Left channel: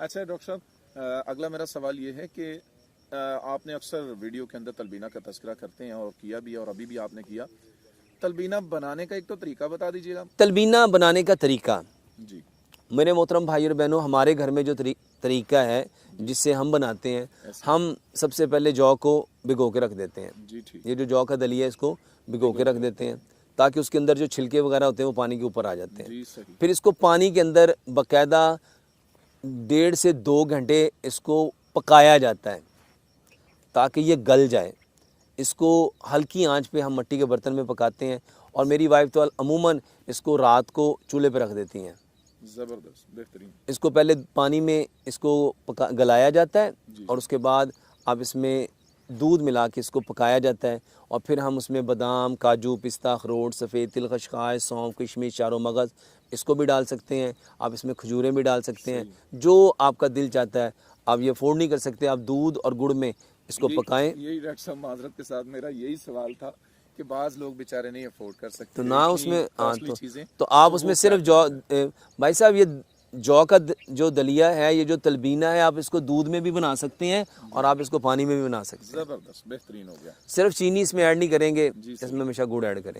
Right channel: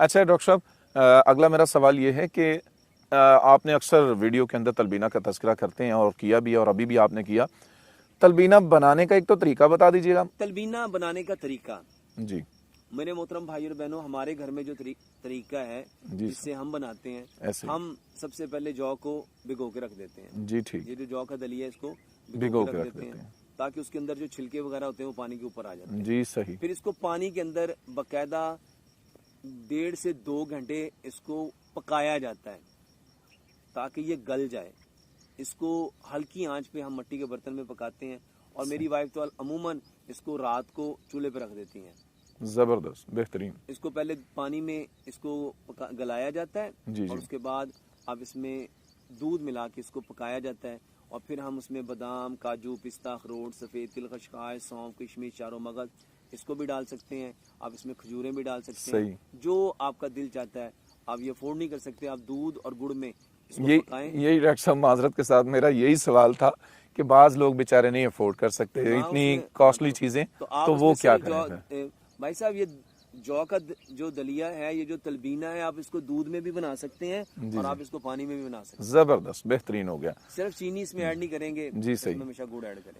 अच्छा डॉक्टर साहब, अगला मेरा सवाल ये है कि आपने अक्सर वीडियो के अंदर तलबीना का तज़किरा करते हैं और किया भी और अभी भी आपने किया। तलबीना बनाने का एक तो तरीका बता दीजिएगा। तलबीना बनाने का तरीका, जी मेरे मोहतरम भाई और बहनों, हमारे घर में जो तरीका है जिससे हम बनाते हैं, ऐसे। हम सबसे पहले जौ को भिगो के रख देते हैं। जी ठीक। ये जो जौ का दलिया है इसको भिगो के रख देते हैं ताकि उसके अंदर जो छिलके वगैरह होते हैं वो पानी के ऊपर आ जाते हैं। जी सही। फिर इसको पानी के अंदर बाकायदा 1.5 से 2 घंटे इसको पकाया जाता है ताकि ये गल जाए। इसको हल्की आंच पे हम मिट्टी के बर्तन में पकाते हैं और मेरी वाइफ तो अमूमन इसको रात को चूल्हे पे रख देती हैं। ज़बरदस्त, बेहतरीन। इसको पहले पानी में इसको गलाया जाता है जी, और उसके बाद अब इसमें दूध मिला के इसको पकाया जाता है और फिर हम उसमें बादाम, काजू, पिस्ता, अखरोट, सफ़ेद तिल, खशखाश, सौंफ, किशमिश, चारों मगज़ इसको भी डाल सकते हैं। आप इसमें खजूरें भी डाल सकते हैं, जो आपका दिल चाहता है। आप ये अफोर्ड नहीं कर सकते, आप दूध और गुड़ में इसको पकाएं। यही डॉक्टर साहब माजरत के साथ मेरा यही सवाल था कि बाज़ लोग बेचारे नहीं अफोर्ड कर सकते ना इतनी उसमें कॉस्टली चीज़ें, तो आप तो उसमें वो सिर्फ क्या जौ, भाई साहब ये जौ का जो दलिया है, ये जो तलबीना है, आप इसको दूध में भी बना सकते हैं और आप इसको पानी में भी बना सकते हैं। ज़बरदस्त, बेहतरीन हो गया। सिर्फ चीनी इसमें ऐड नहीं करेंगे, जी सही। इसमें हमेशा गुड़ ऐड करें।